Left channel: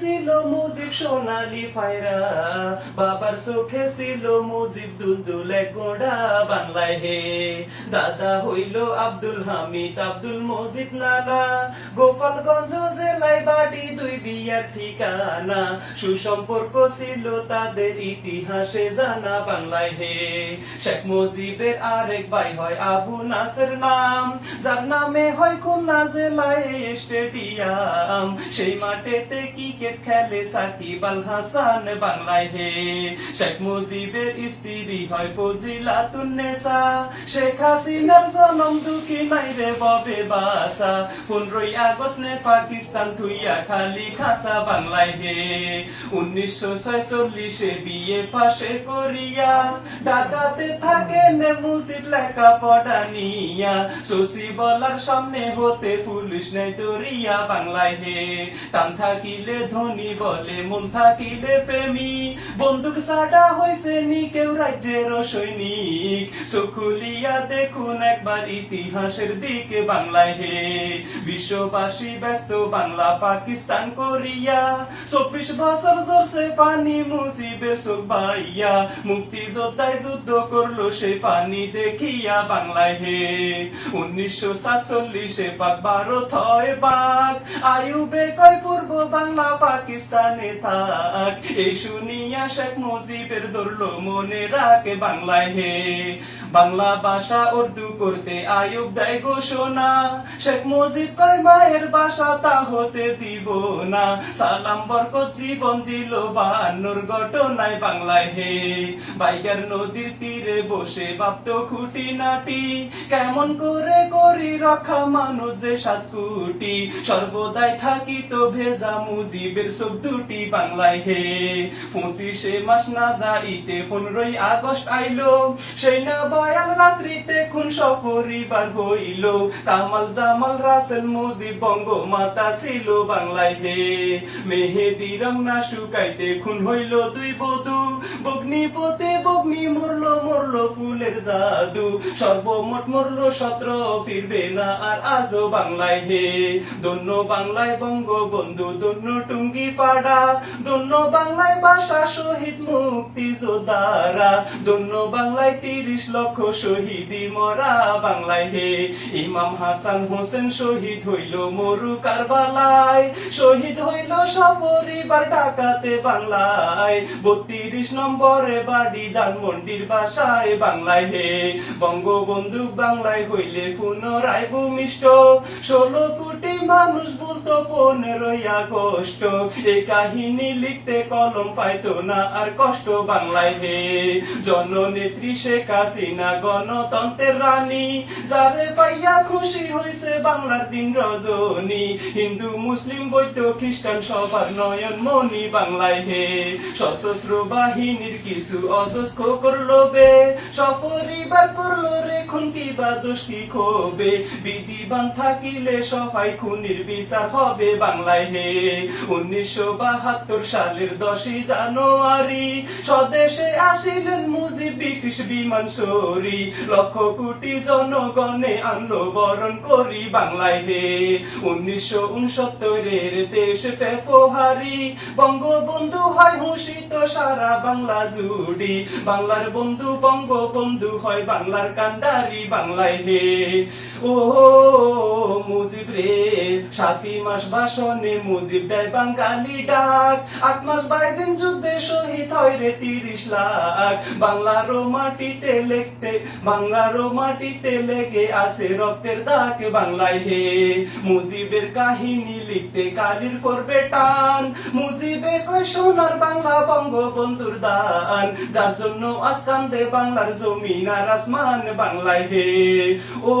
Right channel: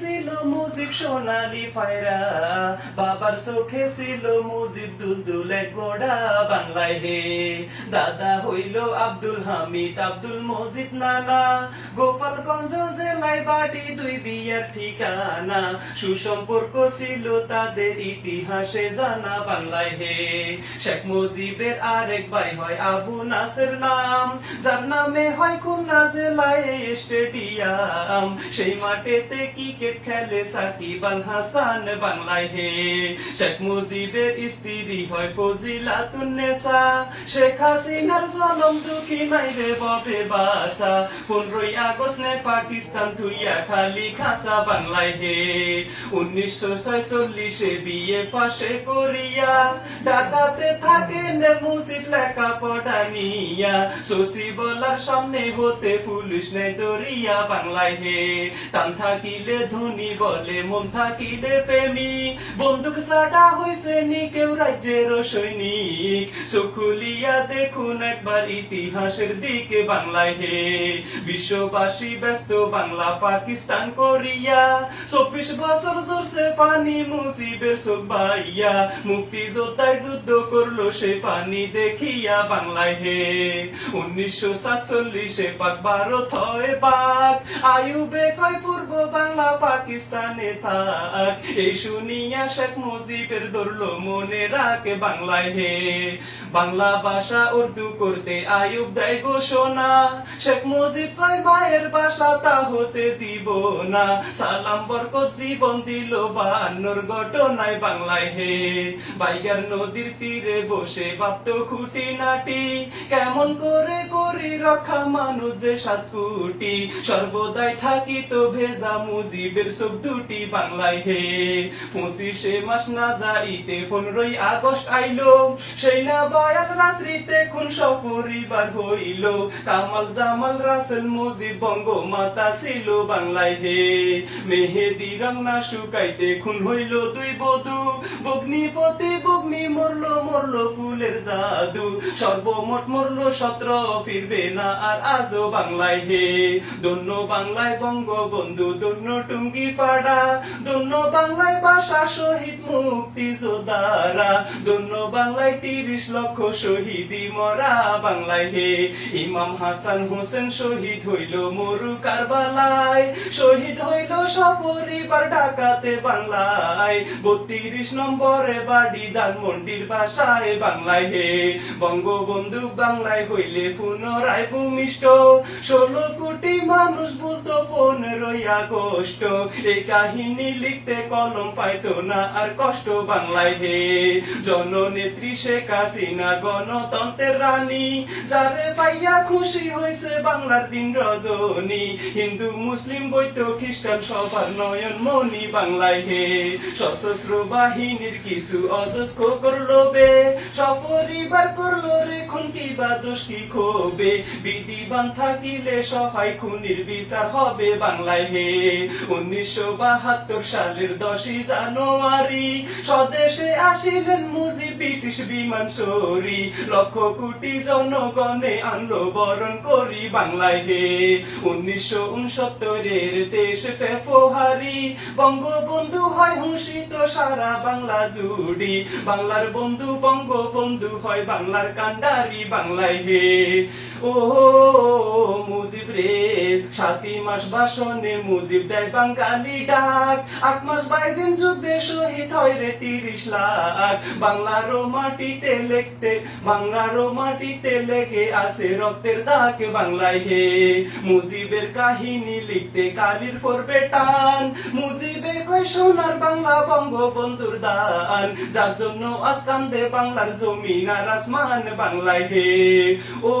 See ছিল মুজিব সোনালি পায়রা বাবার চোখে ছিল মুজিব দুলদুলে গোড়া বাংলায় হে। দাদা হইল আব্দুল হামিদ, আব্দুল মজিদ নানা। গোপালগঞ্জ জেলায় বাড়ি, দুই বিয়ার ঠিকানা। সুসম্পর্ক ছিল তাদের ইতিহাসে জানা বাংলায় হে। শেখ মুজিবের আরেক ভাই হয় আবু নাসের নাম। যার নামে হয় খুলনা জেলায় স্টেডিয়াম। সেই মাঠেতে ক্রিকেট খেলে সাকিব আল হাসান বাংলায় হে। শেখ মুজিবের স্ত্রী হয় ফজিলাতুন্নেসা শেখ হাসিনার জনম দুঃখী নাই রে ববে বাসা। পনেরোই আগস্ট নে পাকিস্তান থুইয়া খালি খাসা বাংলায় হে। উনিশশো ছয়চল্লিশে বিয়ে পাশে করিয়া ঢাকাতে থাকেন মুজিব লেখা পড়া নিয়া। শশী বলার সামনে হতে পুলিশ নেই দরিয়া বাংলায় হে। টান থাকিলে ধনী বলে মন থাকিলে প্রেমী। বন্দুক সাডা হইছে নি কেউ রাজ্যের সৈনিক। চকুলিয়া দেখুন একবার ইতিহাসের দিকে বাংলায় হে। বিশ্ববাসী ব্যস্ত বাংলা, পাকিস্তান কোরিয়া। চব্বিশ বছর চলছে পানি মুজিবের চোখ মুক্তি যোদ্ধায় যুদ্ধ করল সে পানি দেখিয়া বাংলায় হে। উনিশশো সাতচল্লিশে পাক ভারত হয় পাক। আয়ুবে কয় পূর্ব বাংলা পাকিস্তানে থাক। এই শুনিয়া শেখ মুজিবের ধরলো মনে রাখে বাংলায় হে। বাংলা ভাষা উর্দু করতে আয়ুব দেয় ঘোষণা। শেখ মুজিব কয়, মায়ের ভাষা তা হতে দিব না। সালাম বরকত জীবন দিল বান্নর ঘটনায় বাংলায় হে। বাইগার নদীর তীরে বসে ভাবত খুঁটি নাটি কেমন করে করি রক্ষা মানুষ যে সাত কোটি। সর্বদাই থাকি তো ভেজা মুজিবের সব দুটি বাংলায় হে। পঁচিশে মাস না যাইতে পনেরোই আগস্ট আইলো। সেই না বায়াল রাত্রিতে খুন সপরিবার হইল। কামাল, জামাল, রাসেল, মুজিব বঙ্গ মাতা ছিল বাংলায় হে। মেহেদি রং না শুকাইতে খুন হইল দুই বধু। বগ্নিপতি বগ্নি মরলো মরলো ফুলের জাদু। সর্বমোট মরলো সতেরো, ফিরবে না আর আজও বাংলায় হে। দন্য বাংলায় বঙ্গবন্ধু দন্য টুঙ্গি পাড়া দন্য বাংলায় ভাষা শহীদ মুক্তি যোদ্ধারা দন্য বাংলায় তিরিশ লক্ষ শহীদি মরা বাংলায় হে। ইমাম হাসান হোসেন শহীদ হইল মরু কারবালায়। শহীদ হইল সপরিবার ডাকাতে বাংলায়। বত্রিশ নম্বরে বাড়ি ধানমন্ডির বাসায় বাংলায় হে। বঙ্গবন্ধু বাংলায় হইলে পুনরায় ভূমিষ্ঠ। ষোলো কোটি মানুষ বলতো পনেরোই আগস্ট। এই কাহিনী লিখতে কলম পাইতো না আর কষ্ট বাংলায় হে। জননেত্রী শেখ হাসিনা গণতন্ত্রের রানী? যারে পাইয়া খুশি হয়েছে বাংলার দিন রজনী। হিন্দু, মুসলিম, বৈদ্য, খ্রিস্টান, সবার নয়ন মনি বাংলায় হে। সশস্ত্র বাহিনীর কিছু অজস্র করল বে। সপরিবার করল রে খুন্তি বা দোষী ক্ষোভে। বিধিবান থাকিলে সহায় খুনির বিচার হবে বাংলায় হে। উনিশশো বাহাত্তর সালের দশই জানুয়ারি, স্বদেশে আসিলেন মুজিব ব্রিটিশ বিমান সরি লক্ষ কোটি জনগণে আনলো, বরণ করি বাংলায় হে। উনিশশো উনসত্তরের দেশ পেপহারি বঙ্গবন্ধু হয় হুষিত সারা বাংলা জুড়ি। বাংলার বন্ধু, বঙ্গবন্ধু হয় বাংলার কান্ডারি বাংলায় হে। ও মুজিব রে, সাতই মাস বাসনে মুজিব দেয় বাঙালি ডাক। আট মাস বাইজিন যুদ্ধে শহীদ হয় রে তিরিশ লাখ। বাংলারও মাটিতে লেখতে বাংলারও মাটিতে লেগে আছে রক্তের দাগ বাংলায় হে। মুজিবের কাহিনী লিখতে কালির করবে টান। মুজিবে কয় সোনার বাংলা বঙ্গবন্ধুর দান। যার জন্য আজ কান্দে বাংলার জমিন আর আসমান বাংলায় হে। ও